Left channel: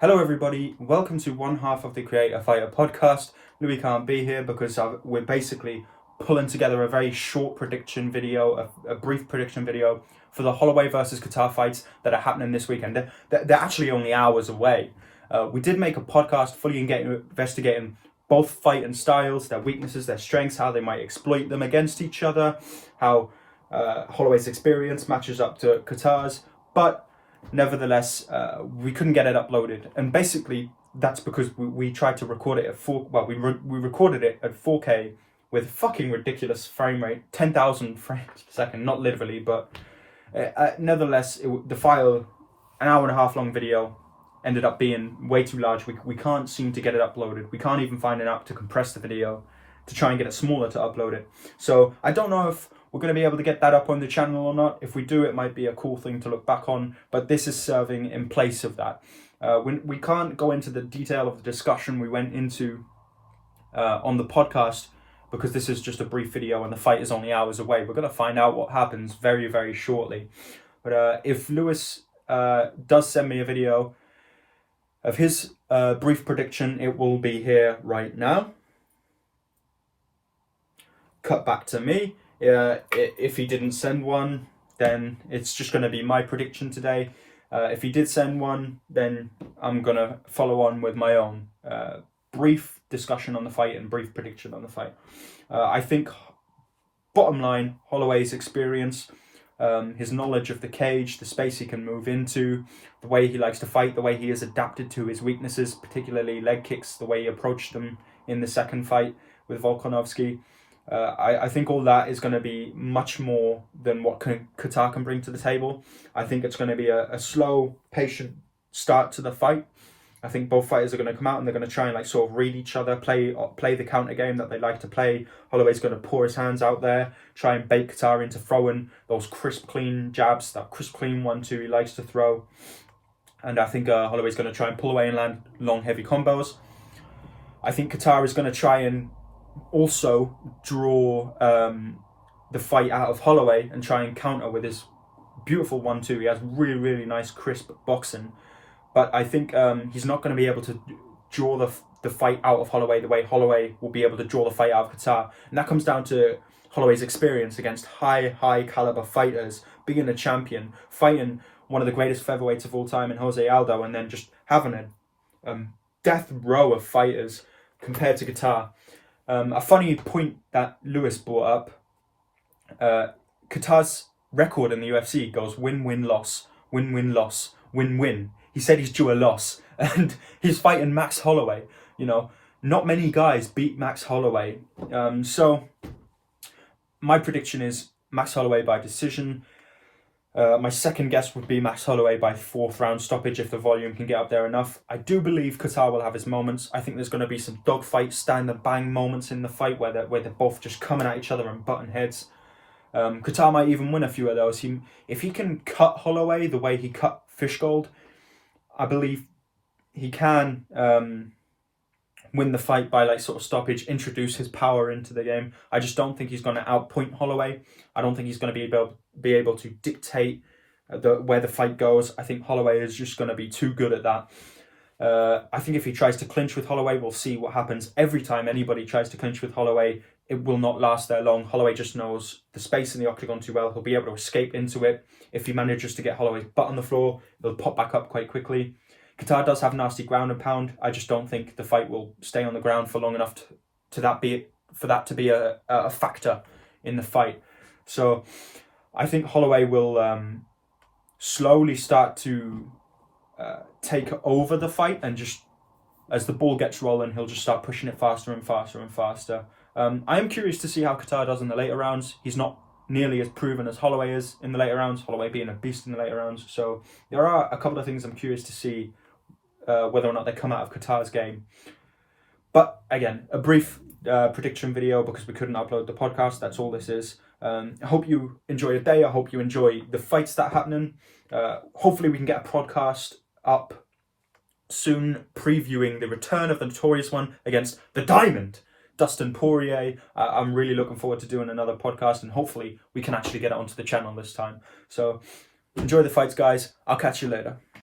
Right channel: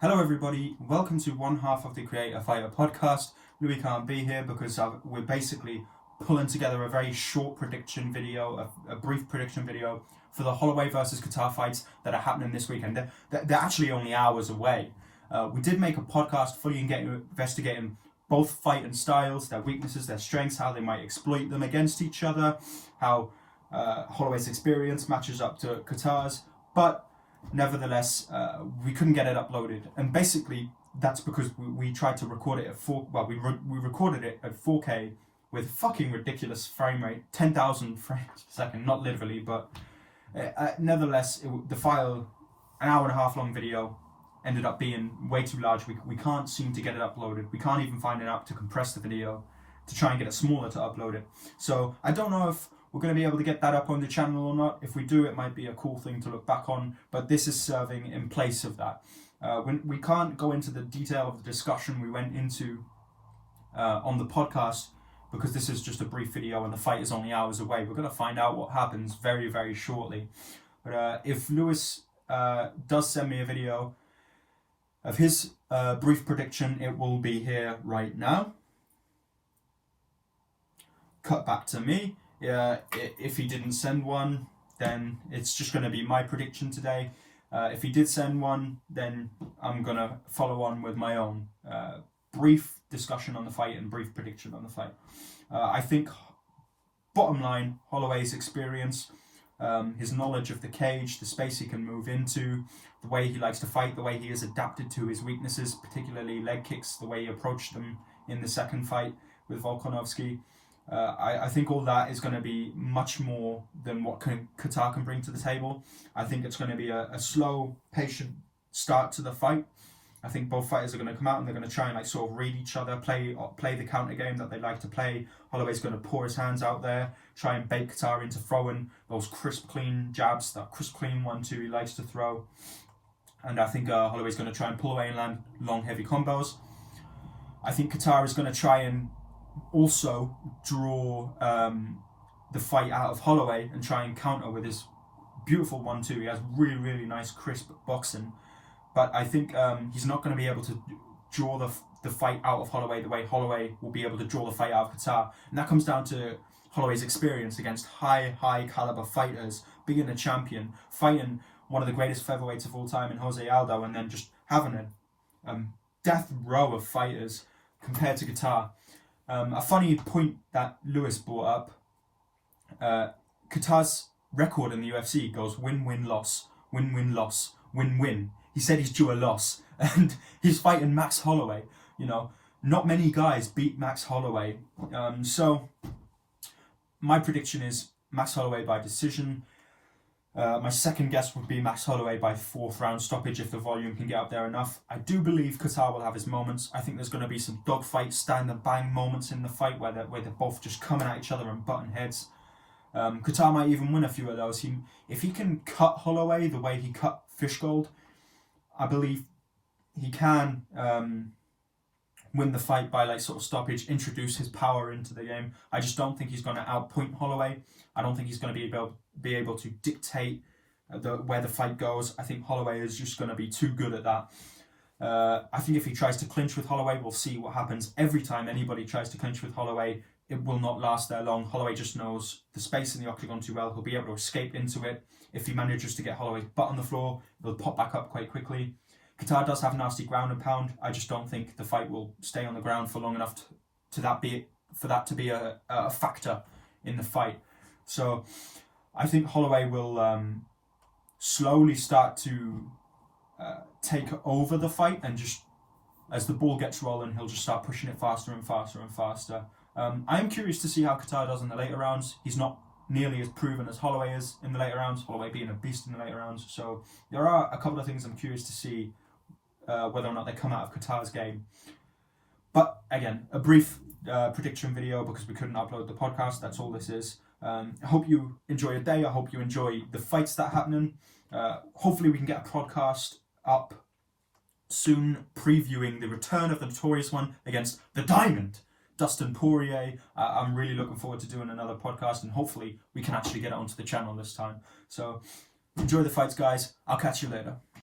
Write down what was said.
Hello everybody, welcome to one half of the Createafighter podcast. Louis can't be here because we're basically pulling together a very short prediction video, a brief prediction video for the Holloway versus Kattar fights that are happening this weekend. They're actually only hours away. We did make a podcast fully investigating both fighting styles, their weaknesses, their strengths, how they might exploit them against each other, how Holloway's experience matches up to Kattar's, but nevertheless, we couldn't get it uploaded, and basically that's because we tried to record it at we recorded it at 4K with fucking ridiculous frame rate, 10,000 frames per second, not literally, but nevertheless, the file, an hour and a half long video, ended up being way too large. We can't seem to get it uploaded. We can't even find an app to compress the video to try and get it smaller to upload it. So I don't know if we're going to be able to get that up on the channel or not. If we do, it might be a cool thing to look back on, but this is serving in place of that. We can't go into the detail of the discussion we went into on the podcast because this is just a brief video and the fight is only hours away. We're going to find out what happens very, very shortly. But if Lewis does send me a video of his brief prediction, it will be here right now. Cut back to me. If he didn't send one, then it's just going to be my prediction today. If he did send one, then I'm going to follow on with my own brief discussion on the fight and brief prediction on the fight. I think, bottom line, Holloway's experience, his knowledge of the cage, the space he can move into, the way he likes to fight, the way he has adapted to his weaknesses, particularly leg kicks, the way he approached them in the second fight with Volkanovski. I think all that is going to be much more than what Kattar can bring to the table. I think it's going to be a slow, patient start to the fight. I think both fighters are going to come out and they're going to try and sort of read each other, play the counter game that they like to play. Holloway's going to pour his hands out there, try and bait Kattar into throwing those crisp, clean jabs, that crisp, clean 1-2 he likes to throw. And I think Holloway's going to try and pull away and land long, heavy combos. I think Kattar is going to try and also draw the fight out of Holloway and try and counter with his beautiful 1-2. He has really, really nice crisp boxing, but I think he's not going to be able to draw the fight out of Holloway the way Holloway will be able to draw the fight out of Kattar, and that comes down to Holloway's experience against high caliber fighters, being a champion, fighting one of the greatest featherweights of all time in Jose Aldo, and then just having a death row of fighters compared to Kattar. A funny point that Lewis brought up, Kattar's record in the UFC goes win-win-loss, win-win-loss, win-win. He said he's due a loss, and he's fighting Max Holloway. You know, not many guys beat Max Holloway. So my prediction is Max Holloway by decision. My second guess would be Max Holloway by 4th round stoppage if the volume can get up there enough. I do believe Kattar will have his moments. I think there's going to be some dogfight, stand and bang moments in the fight where they're both just coming at each other and butting heads. Kattar might even win a few of those. If he can cut Holloway the way he cut Fishgold, I believe he can win the fight by sort of stoppage, introduce his power into the game. I just don't think he's going to outpoint Holloway. I don't think he's going to be able to dictate where the fight goes. I think Holloway is just going to be too good at that. I think if he tries to clinch with Holloway, we'll see what happens. Every time anybody tries to clinch with Holloway, it will not last there long. Holloway just knows the space in the octagon too well. He'll be able to escape into it. If he manages to get Holloway's butt on the floor, he'll pop back up quite quickly. Kattar does have nasty ground and pound. I just don't think the fight will stay on the ground for long enough for that to be a factor in the fight. So I think Holloway will slowly start to take over the fight, and just as the ball gets rolling, he'll just start pushing it faster and faster and faster. I am curious to see how Kattar does in the later rounds. He's not nearly as proven as Holloway is in the later rounds, Holloway being a beast in the later rounds. So there are a couple of things I'm curious to see whether or not they come out of Kattar's game. But again, a brief prediction video because we couldn't upload the podcast. That's all this is. I hope you enjoy your day. I hope you enjoy the fights that are happening. Hopefully we can get a podcast up soon previewing the return of the Notorious One against the Diamond, Dustin Poirier. I'm really looking forward to doing another podcast, and hopefully we can actually get it onto the channel this time. So enjoy the fights, guys. I'll catch you later.